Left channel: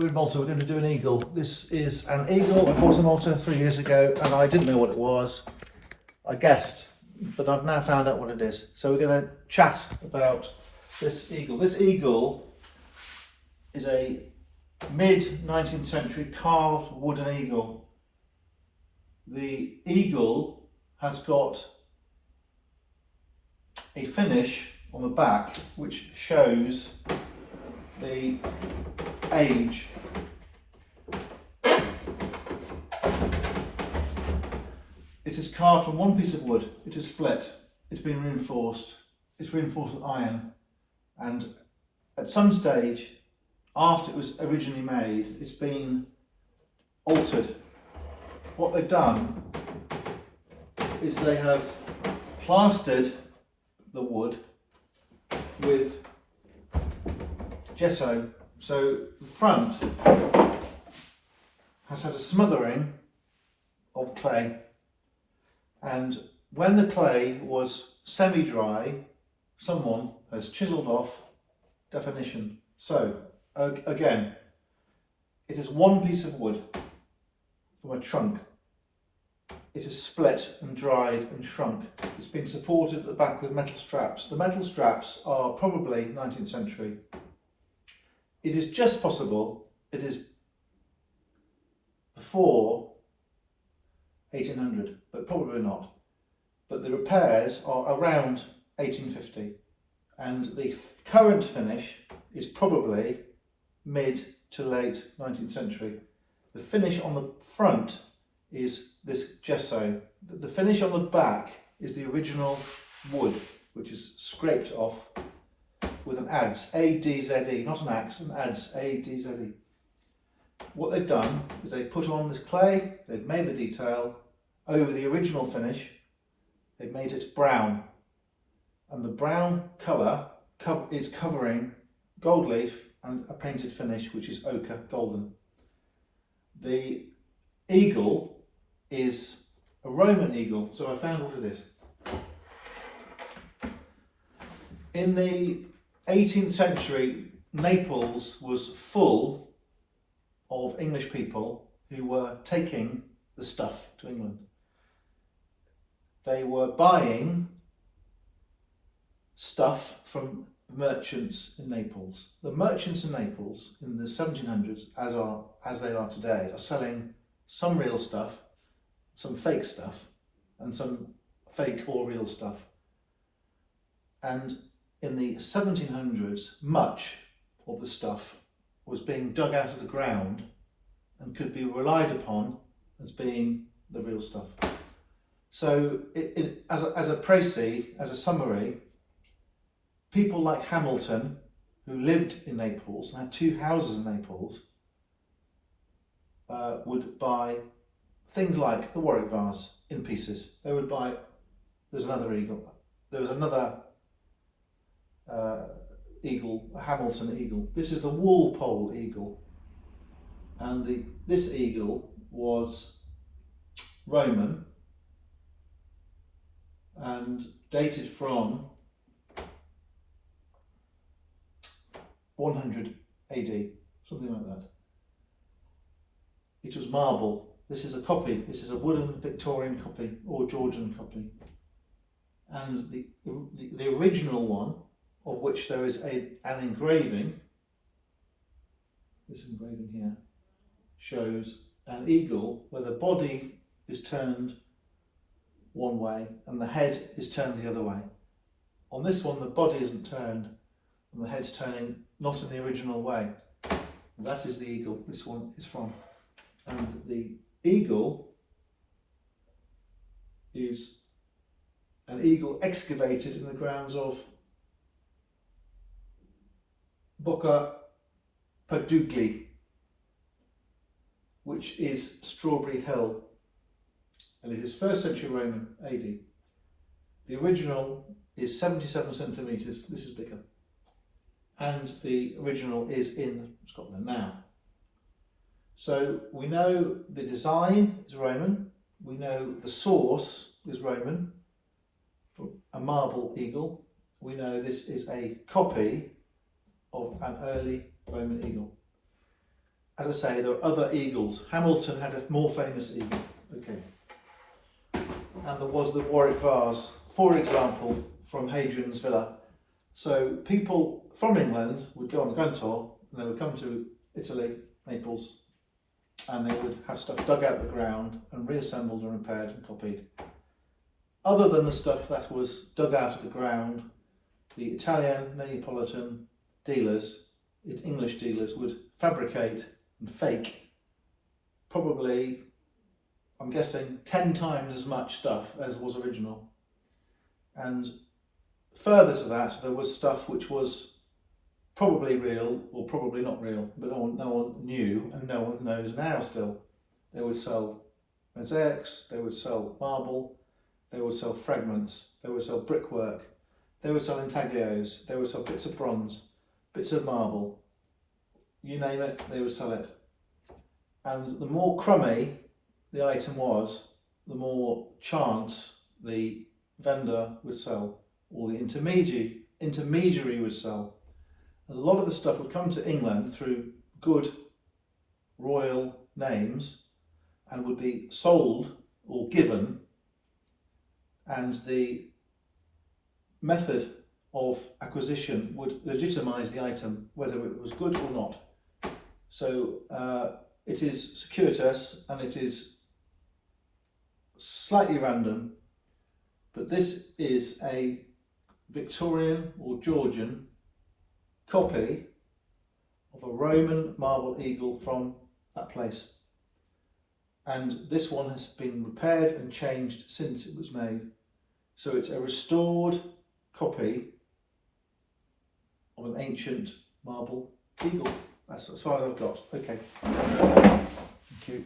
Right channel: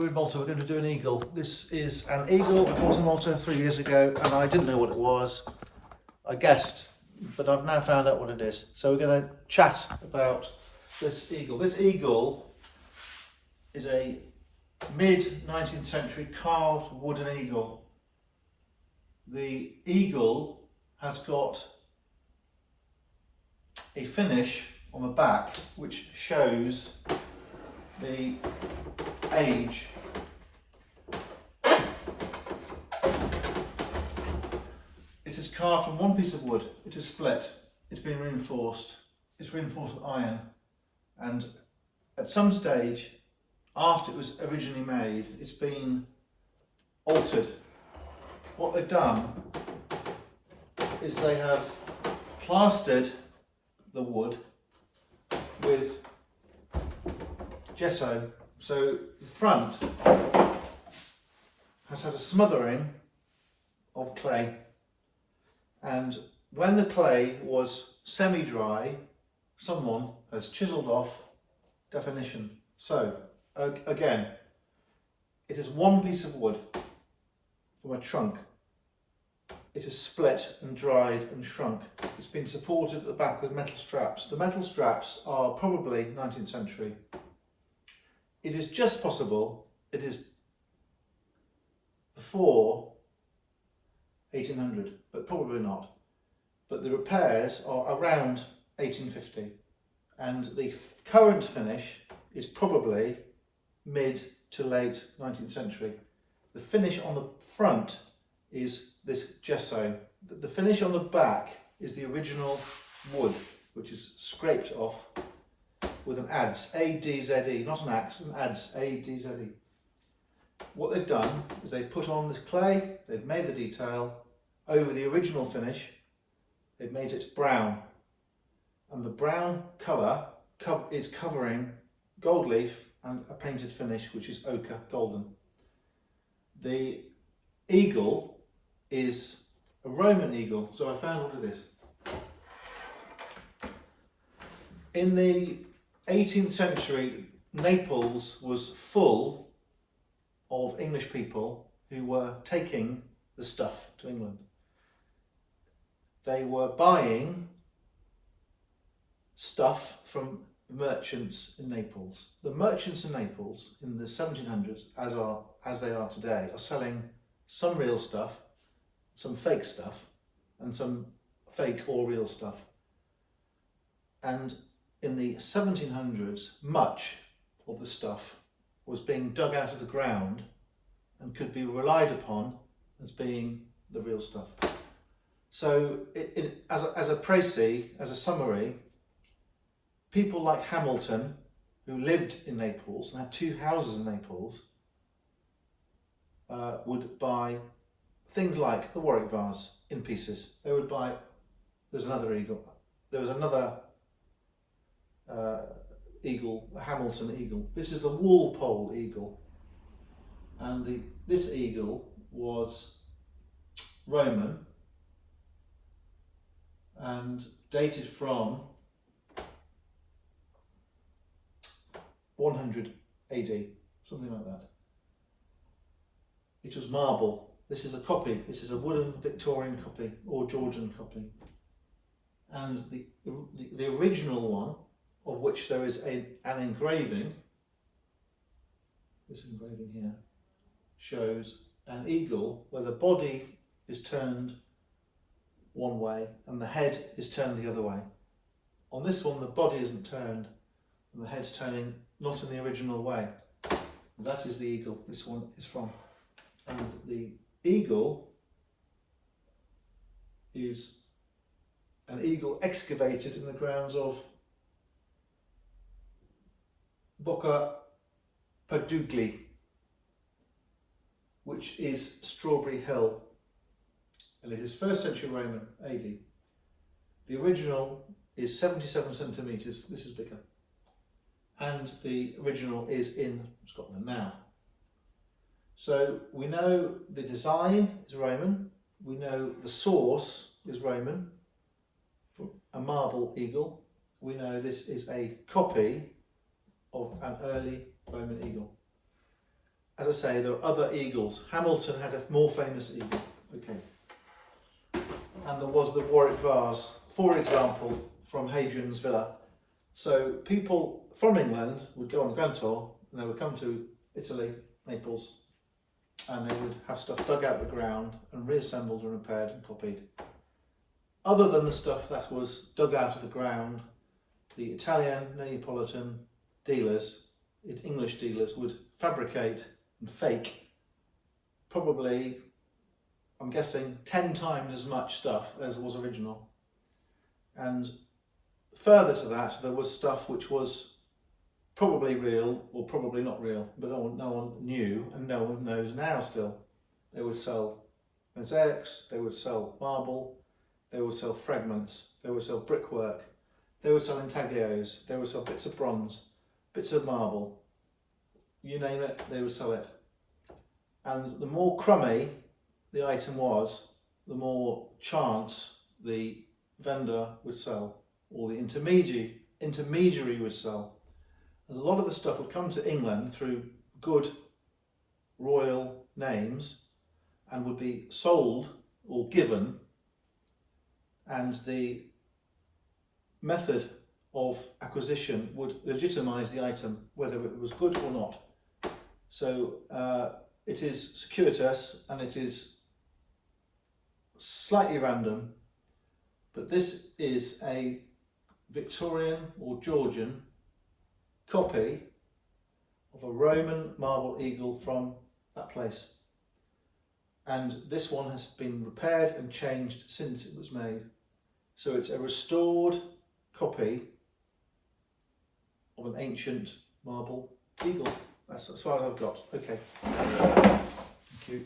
We're in Malta, we're going to do an eagle. This is an eagle. I bought in Malta 3 years ago and I didn't know what it was. I guessed, but I've now found out what it is. So we're going to chat about this eagle. This eagle is a mid-19th century carved wooden eagle. The eagle has got a finish on the back which shows the age. It is carved from one piece of wood. It is split. It's been reinforced. It's reinforced with iron, and at some stage after it was originally made, it's been altered. What they've done is they have plastered the wood with gesso. So the front has had a smothering of clay, and when the clay was semi-dry, someone has chiselled off definition. So again, it is one piece of wood from a trunk. It is split and dried and shrunk. It's been supported at the back with metal straps. The metal straps are probably 19th century. It is just possible it is before 1800, but probably not. But the repairs are around 1850, and the current finish is probably mid to late 19th century. The finish on the front is this gesso. The finish on the back is the original wood, which is scraped off with an adze, A-D-Z-E, not an axe, an adze, A-D-Z-E. What they've done is they've put on this clay, they've made the detail over the original finish, they've made it brown, and the brown colour is covering gold leaf and a painted finish which is ochre golden. The eagle is a Roman eagle, so I found what it is. In the 18th century, Naples was full of English people who were taking the stuff to England. They were buying stuff from merchants in Naples. The merchants in Naples in the 1700s, as they are today, are selling some real stuff, some fake stuff, and some fake or real stuff. And in the 1700s, much of the stuff was being dug out of the ground and could be relied upon as being the real stuff. So as a précis, as a summary, people like Hamilton, who lived in Naples and had 2 houses in Naples, would buy things like the Warwick vase in pieces. They would buy, there's another eagle, there was another eagle, a Hamilton eagle. This is the Walpole Eagle, and this eagle was Roman and dated from 100 AD, something like that. It was marble. This is a copy. This is a wooden Victorian copy or Georgian copy. And the original one, of which there is an engraving, this engraving here, shows an eagle where the body is turned one way and the head is turned the other way. On this one, the body isn't turned and the head's turning not in the original way. And that is the eagle this one is from. And the eagle is an eagle excavated in the grounds of Boccapadugli, which is Strawberry Hill, and it is 1st century Roman AD. The original is 77 centimetres, this is bigger, and the original is in Scotland now. So we know the design is Roman, we know the source is Roman, from a marble eagle. We know this is a copy of an early Roman eagle. as I say, there are other eagles. Hamilton had a more famous eagle. Okay. And there was the Warwick vase, for example, from Hadrian's Villa. So people from England would go on the Grand Tour and they would come to Italy, Naples, and they would have stuff dug out of the ground and reassembled and repaired and copied. Other than the stuff that was dug out of the ground, the Italian, Neapolitan dealers, English dealers, would fabricate and fake probably, I'm guessing, 10 times as much stuff as was original. And further to that, there was stuff which was probably real or probably not real, but no one knew and no one knows now still. They would sell mosaics, they would sell marble, they would sell fragments, they would sell brickwork, they would sell intaglios, they would sell bits of bronze, bits of marble, you name it, they would sell it. And the more crummy the item was, the more chance the vendor would sell, or the intermediary would sell. And a lot of the stuff would come to England through good royal names and would be sold or given, and the method of acquisition would legitimise the item, whether it was good or not. So it is circuitous and it is slightly random, but this is a Victorian or Georgian copy of a Roman marble eagle from that place. And this one has been repaired and changed since it was made. So it's a restored copy of an ancient marble eagle. That's as far as I've got. Okay. Thank you.